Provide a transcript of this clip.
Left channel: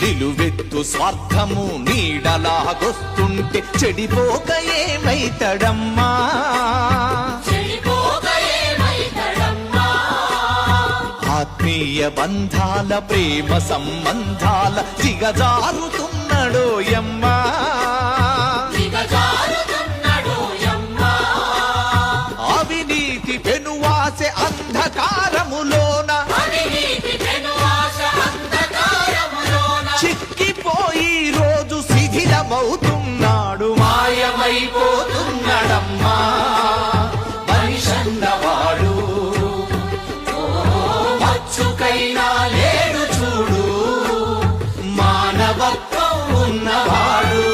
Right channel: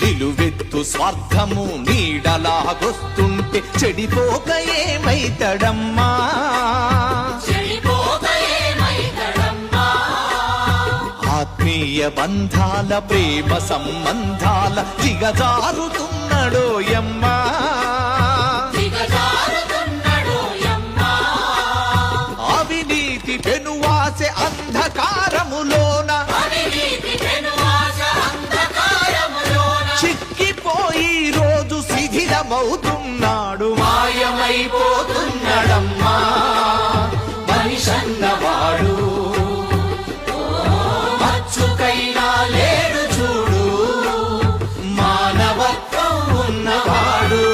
నిలువెత్తు స్వార్థము నీడలాగొస్తుంటే చెడిపోక ఏమైతడమ్మా? ఆత్మీయ బంధాల ప్రేమ సంబంధాల దిగజారుతున్నడోయమ్మా. అవినీతి పెనువాసె అంధకారములోన చిక్కిపోయి రోజు శిథిలమవుతున్నాడు, మాయమైపోతున్నాడమ్మా మనిషన్నవాడు. మచ్చుకైనా లేడు చూడు మానవత్వం ఉన్నవాడు.